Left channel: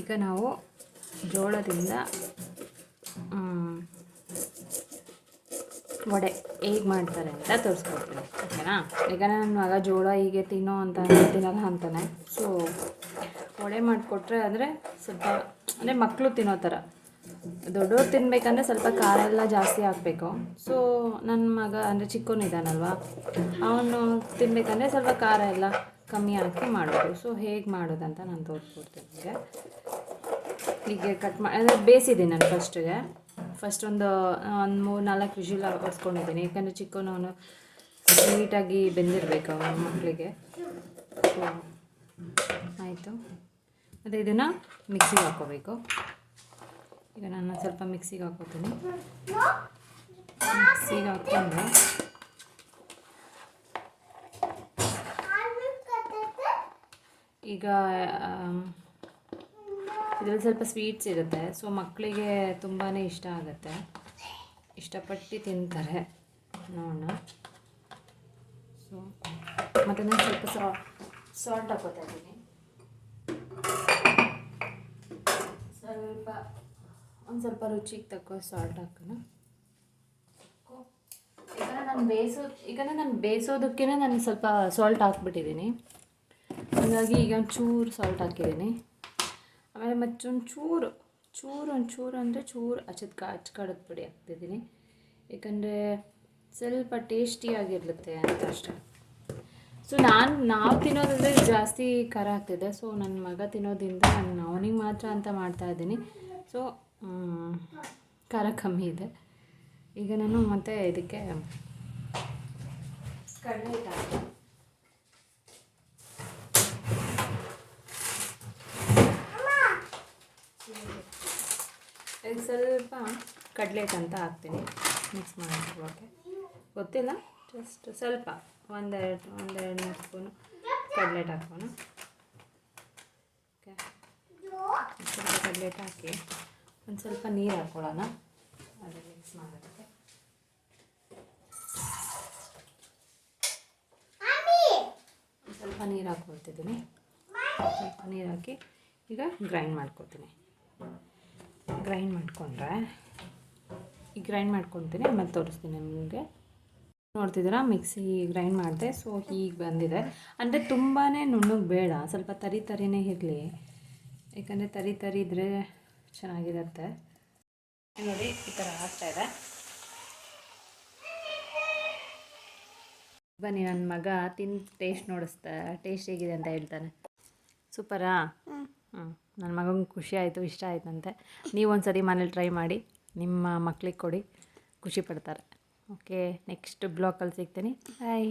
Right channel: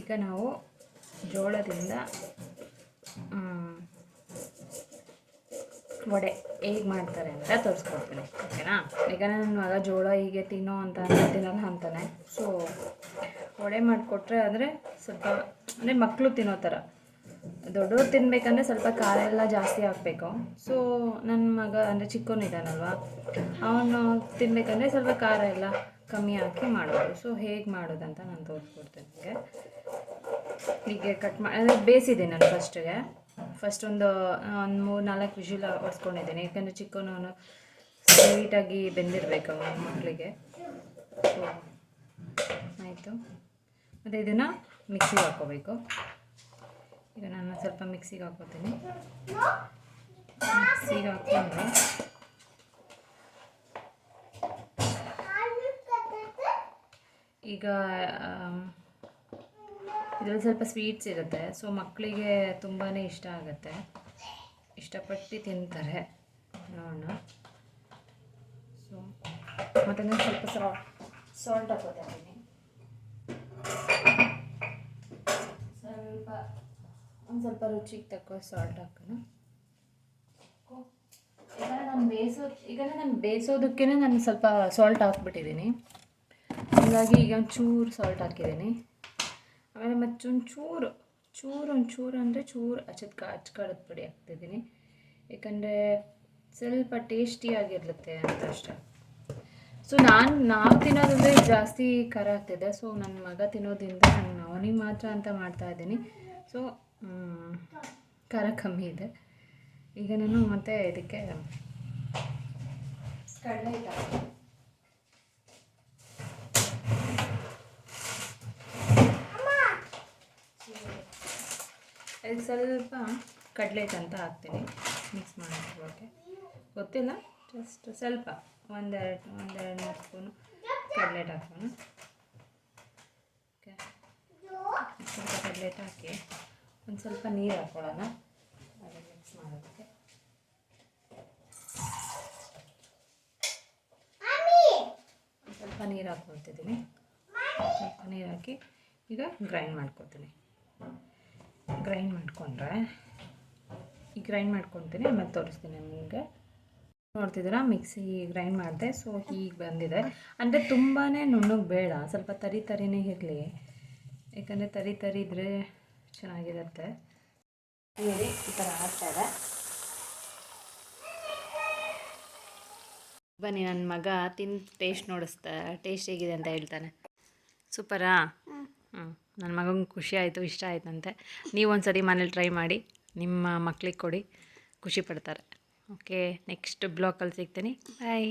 ಈಗ ನಾವು ಜೋಳದಿಂದ ವಡೆ ಹೇಗೆ ಮಾಡ್ತಾರೆ ಅಂತ ತೋರಿಸ್ಕೊಡ್ತೀನಿ, ಓಕೆನಾ? ಈಗ ನನ್ನ ಮಗ ಜೋಳ ಹೀಗೆ ತಿನ್ನೋ ಅಂತ ತಿನ್ನಲ್ಲ ಅಂತಾನೆ. ಸೊ ವಡೆ ಮಾಡಿಕೊಟ್ರೆ ಅಂದರೆ ಸ್ವಲ್ಪ ಅಂದರೆ ಮಕ್ಕಳು ತಿನ್ನೋ ಥರ, ದೊಡ್ಡವ್ರು ತಿನ್ನಬೇಕಂದ್ರೆ ಸ್ವಲ್ಪ ಖಾರ ಎಲ್ಲ ಜಾಸ್ತಿ ಹಾಕಬೇಕು. ಸೊ ನನ್ನ ಮಗ ಅಂದರೆ ಚಿಕ್ಕವನಿದ್ದಾನಲ್ವ, ಅವನು ತಿನ್ನಬೇಕಂದ್ರೆ ಸ್ವಲ್ಪ ಖಾರ ಎಲ್ಲ ಕಮ್ಮಿ ಹಾಕಿ ಮಾಡೋದು. ಸೊ ಹೇಗೆ ಮಾಡೋದಂತ ನಾನು ತೋರಿಸ್ಕೊಡ್ತೀನಿ. ಹೀಗೆ ಕಟ್ ಮಾಡಿ ಅಂದರೆ ಬೇಯಿಸಿದ್ದೀನಿ ನಾನು ಫಸ್ಟ್ ಒಂದು 3-4 ವಿಷಿಲ್ ಹೊಡ್ಸ್ಕೊಂಡಿದ್ದೀನಿ, ಯಾಕಂದರೆ ಚಿಕ್ಕವನು ಸ್ವೀಟಾಗಿ ಬೆಂದಿರಬೇಕು ಅವನ ಮಕ್ಕಳಿಗೆ. ಸೊ ಆಯಿತು. ಮತ್ತು ಇದನ್ನು ಮಿಕ್ಸಿಗೆ ಹಾಕ್ಕೋಬೇಕು. ಈಗ ನಾನು ಸ್ವಲ್ಪ ಮಿಕ್ಸಿಗೆ ಹಾಕ್ಕೋತೀನಿ. ಮಿಕ್ಸಿಗೆ ಹಾಕ್ಕೊಂಡ್ರೆ ಈಗ ಇದರಲ್ಲಿ ಸ್ವಲ್ಪ ಸ್ವೀಟ್ಸ್ ಇರುತ್ತೆ. ಸೊ ಮಕ್ಕಳಿಗೆ ತುಂಬಾ ಇಷ್ಟ ಆಗುತ್ತೆ, ಇಷ್ಟಪಟ್ಟು ತಿಂತಾರೆ. ನೋಡೋಣ. ಸೊ ಮತ್ತು ನಾನು ಸ್ವಲ್ಪ ಸಾಲ್ಟ್ ಹಾಕೋತಾ ಇದ್ದೀನಿ. ಸ್ವಲ್ಪ ರುಚಿಗೆ ತಕ್ಕೋ ಸಾಲ್ಟ್ ಹಾಕೋಣ. ಈಗ ನಾನು ಬೇಯಿಸೋದಕ್ಕೇ ನಾನು ಸ್ವಲ್ಪ ಸಾಲ್ಟ್ ಹಾಕ್ಬಿಟ್ಟಿದ್ದೀನಿ. ಹಾಗಾಗಿ ಈಗ ಒಂಚೂರು ಸಾಲ್ಟ್ ಹಾಕಿದ್ದೀನಿ. ಆಮೇಲೆ ಮತ್ತೊಂಚೂರು ಅಂದರೆ ಚೂರು ಅಚ್ಕಾರದ ಪುಡಿ ಹಾಕ್ತಿದ್ದೀನಿ, ಯಾಕಂದರೆ ಸ್ವಲ್ಪ ಟೇಸ್ಟಿಯಾಗಿರುತ್ತೆ ಅಂತ ಅಷ್ಟೇ. ಸೊ ನಾವು ತಿನ್ನೋದಂದರೆ ಜಾಸ್ತಿ ಖಾರ ಆಗ್ತಿದೆ. ಸೊ ನನ್ನ ಮಗ ತಿನ್ನೋದ್ರಿಂದ ನಾನು ಅವನಿಗೆ ಮಾತ್ರ ಅಂತ ಮಾಡ್ತಾಯಿದ್ದೀನಿ. ಸೊ ಖಾರ ಕಮ್ಮಿ ಇದೆ. ಈಗ ನಾನು ಮತ್ತೆ ಇದಕ್ಕೆ ಕಡಲೆ ಹಿಟ್ಟು ಹಾಕ್ತೀನಿ. ಇದು ಸ್ವಲ್ಪ ಕಡಲೆ ಹಿಟ್ಟು ಅಂತ ಹಾಕ್ತೀನಿ, ಮಿಕ್ಸ್ ಮಾಡೋಕ್ಕೆ. ಗೊತ್ತಿಲ್ಲ, ಜಸ್ಟ್ ಸ್ವಲ್ಪ ಒಂದೆರಡು ಸ್ಪೂನು ಕಡಲೆ ಹಿಟ್ಟು ಹಾಕೋಣ. ಓಕೆ, ಸ್ವಲ್ಪ ಕಡಲೆ ಹಿಟ್ಟು ಹಾಕಿ ಒಂದು ಸ್ವಲ್ಪ ನೀರು ಹಾಕ್ಕೊಳ್ಳೋಣ ಅದಕ್ಕೆ ಮಿಕ್ಸ್ ಮಾಡೋದಕ್ಕೆ. ಸ್ವಲ್ಪ ನೀರು ಹಾಕ್ಕೊಳ್ತಿದ್ದೀನಿ. ಸ್ವಲ್ಪ ನೀರು ಹಾಕಿ ಈಗ ಗ್ರೈಂಡ್ ಮಾಡ್ಕೊತೀನಿ. ಗ್ರೈಂಡ್ ಮಾಡ್ಕೊತೀನಿ, ಆಮೇಲೆ ತೋರಿಸ್ತೀನಿ ನಿಮಗೆ. ನೋಡ್ತಿದ್ದೀರಾ, ಮಿಕ್ಸಿ ಗ್ರೈಂಡ್ ಮಾಡಿದೆ. ಸೊ ಹೀಗೆ ಬಂದಿದೆ. ಅಂದರೆ ತುಂಬಾ ನುಣ್ಣಗೆ ಬೇಡ, ಸ್ವಲ್ಪ ತರಿನೇ ಇರಲಿ, ಯಾಕಂದರೆ ತರಿ ಇದ್ದರೆ ಚೆನ್ನಾಗಿರುತ್ತೆ. ನೋಡಿ ಈ ಥರ ಆಗ್ತಾಯಿದೆ. ಬನ್ನಿ, ನನ್ನ ಮಗ ಟೇಸ್ಟ್ ಟೇಸ್ಟ್ ಹೇಗಿದೆ ಅಂತ ಹೇಳ್ತಾನೆ. ಸೂಪರಾ? ನನ್ನ ಮಗಂಗೆ ಖುಷಿ ಆಯಿತು, ಇಷ್ಟ ಆಯ್ತಂತೆ. ನೀವು ಒಂದು ಸರಿ ಮನೇಲಿ ಟ್ರೈ ಮಾಡಿ, ನಿಮ್ಮ ಮಕ್ಳಿಗೆ ಕೊಡಿ, ಖುಷಿ ಪಡ್ತಾರೆ. ಓಕೆ, ನೆಕ್ಸ್ಟ್ ಬ್ಲಾಗಲ್ಲಿ ಸಿಗ್ತೀನಿ. ಬಾಯ್.